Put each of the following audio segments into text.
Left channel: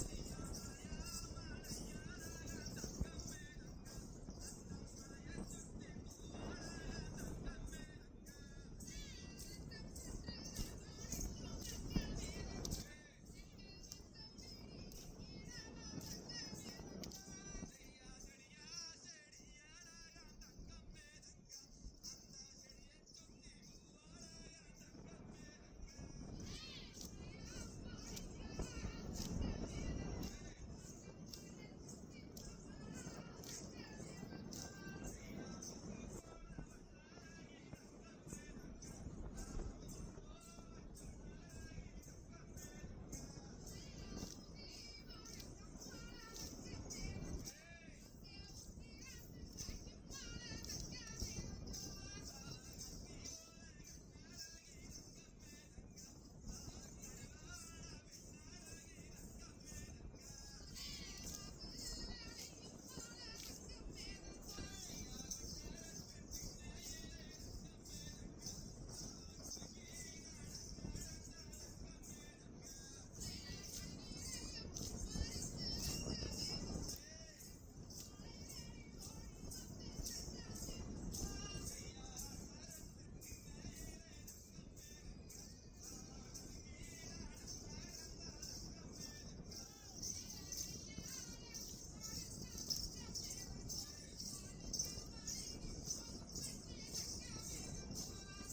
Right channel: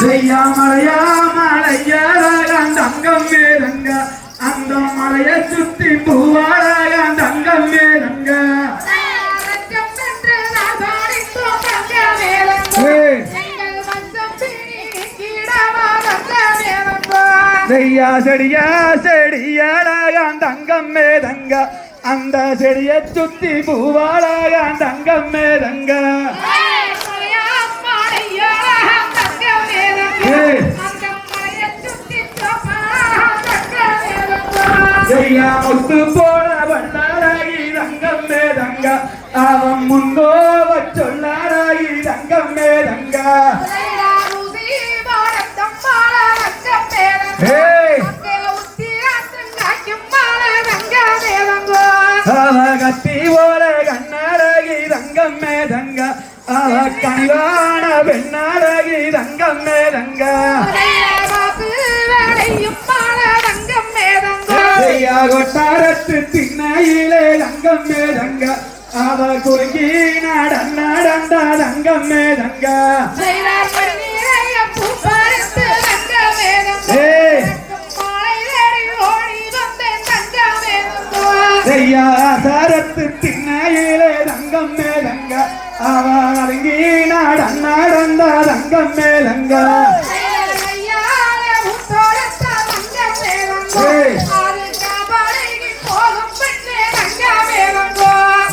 செய்யாமலையா மலையாராயான் தங்கம் மேலங்க அந்த மலைய சுத்தி பூவாராயான் தங்கம் மேலங்க செய்யா செடியா செடியாடாயான் தங்கம் மேதங்க அந்த செடியை சுத்தி பூவாடாயான் தங்கம் மேதங்க. செய்யா முத்து போல வண்ணாராகி தங்கம் மேதங்க அவன் முன்னோவ சொல்லாராயி தங்கம் மேதங்க ஏய். அவ கத்தி போல கண்ணாராகி தங்கம் மேதங்க அவ கனிவான பெண்ணாராகி தங்கம் கொட்டாரத்து திண்ணையிலே தங்கம் மேதங்க. அவ குறுக்கி நடந்த நடந்த தங்கம் மேதங்க. ஏய். செய்யா சரத்து திண்ணையிலே தங்கம் மேலங்க அவ அடங்கி நடந்த நடந்த தங்கம் மேலங்க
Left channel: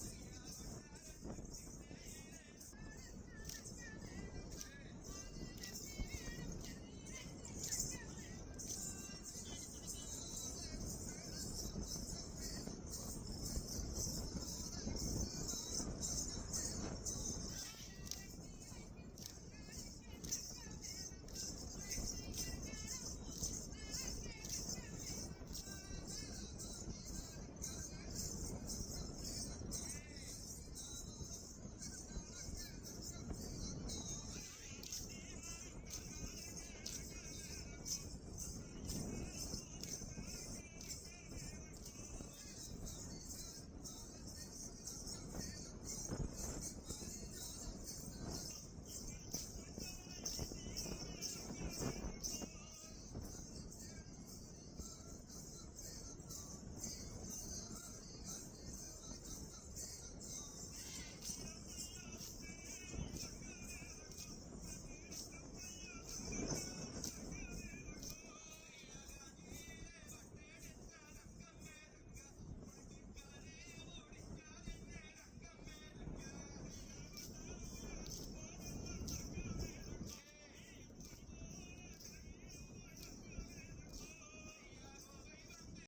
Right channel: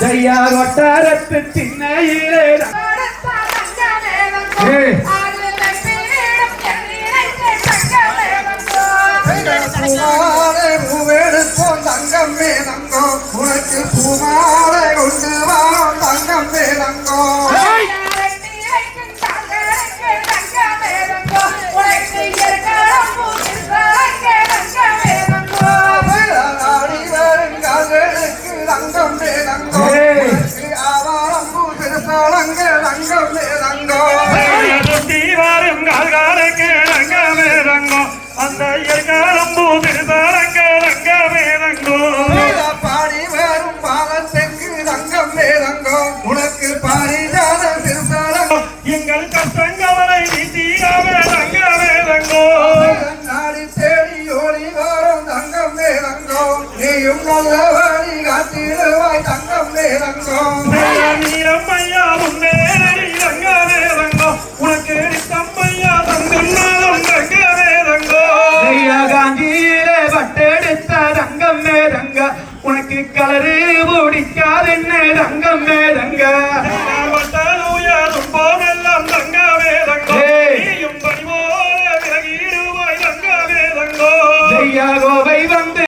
ஐயா வட்டாரத்து திண்ணையிலே ஏய். பூமாலை பூவெடுப்போம் தங்கம் உனக்கு பூமாலை பாடி வரும் பாலத்துக்கு தங்கம் மேலங்கோ உனக்கு பாரிஜாத திருப்பாலங்கோ எங்கள் கஷ்டங்களை நீட்டியாவே ரங்க மேலங்கோ நாடி தேடி ஓடி வரும் தங்கம் மேலங்கோ நீயும் நல்லவன்